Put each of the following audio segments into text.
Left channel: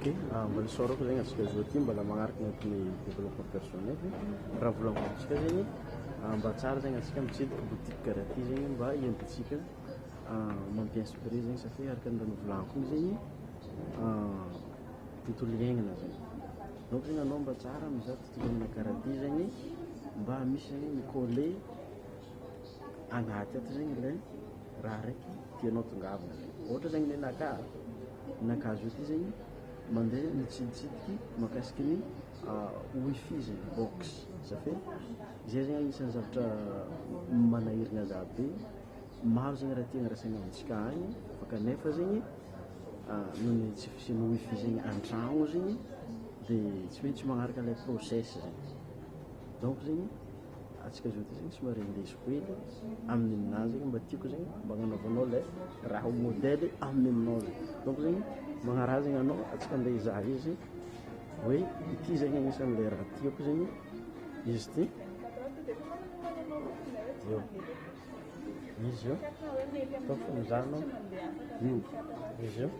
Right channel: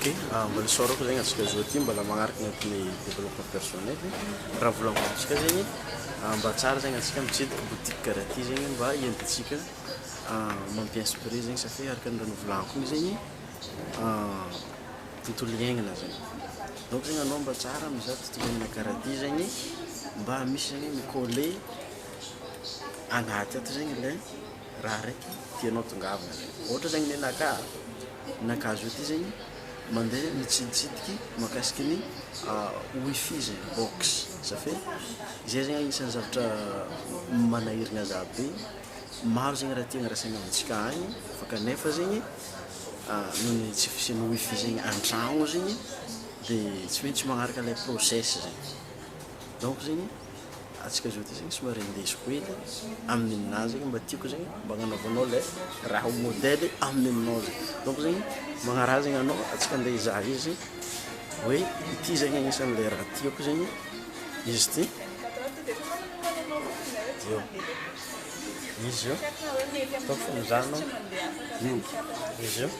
Ok, mbola saorako zegny antsika zao ty mbola magnaraka agnatin'ny développement personnel raha volagnintsika zegny mba tsara zegny antsika mitsidika boutique karaha ty zegny mba ientintsika mampi-inspirer zegny satria araka ny raha novolagniko igny zegny tontolo iainana zegny donc zegny anao mba tsara mizaha tontolo iainana karaha ty zegny mba misy zegny mikôle agnaty ato zegny le raha raiky tianao tongavana zegny ohatra zegny ninaka zao ty zegny mandeha mitsiditsidiky mahakasiky ny wifi zegny box safia zay zegny agnisan'ny zavatra manahiragna za be maro zegny raha tiagna rasaigna amintsika agny fa kanefa zegny nohon'ny tsy fisian'ny wifi zegny an-tragno zegny dia tsy maintsy magnaraka lay process zegny donc zegny atsika zao ty zegny somary indesiko hely amin'ny ninazy zegny mba tiako zegny mba agnanaovanao le raha ho modèle amin'ny aminao zegny donc zegny magnaraha zegny anao atsika andeha hizaha izy hoe ity zegny agnisan'le raha tiako zegny izy ty io izy io ataoko fa mizahanao io izy io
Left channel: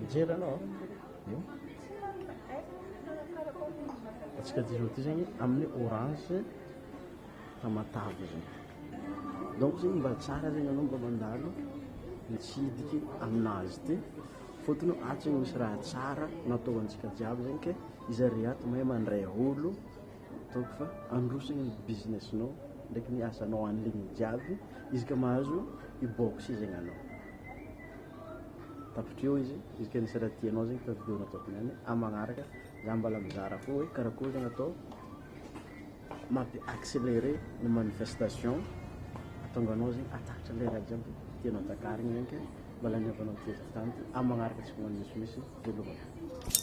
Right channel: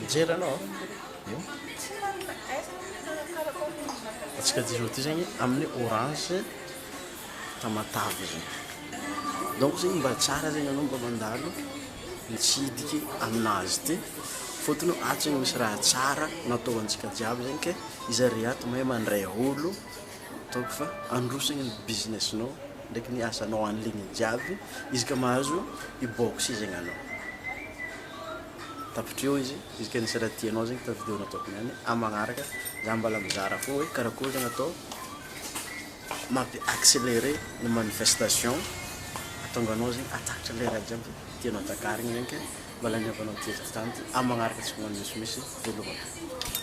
mijery anao io atsika ty zao ty zegny amin'ny orange tamatavy zegny donc zegny mba tsara zegny anao mba mandalo mitsidiky aminazy ty fotony ato zegny misy raha tsara natao antsika jiaby zegny ke izy ary ato mahay mandray olo ataoko fa androsagny ny businessinao ndraiky ny asanao en ligne jiaby izy ka mahazo ibox zegny anao tapitra eo izy ka nisy raha tianao zegny ta vidéo nataoko niany amagnaraka za mbala mizara fo hoe karakory zegny atao mampi accélérer ny manifestation atonga anao zegny atakatra le raha jiaby tianao takarigny zegny ke mbala niavanao teto tany amagnaraka tsika misimisy développement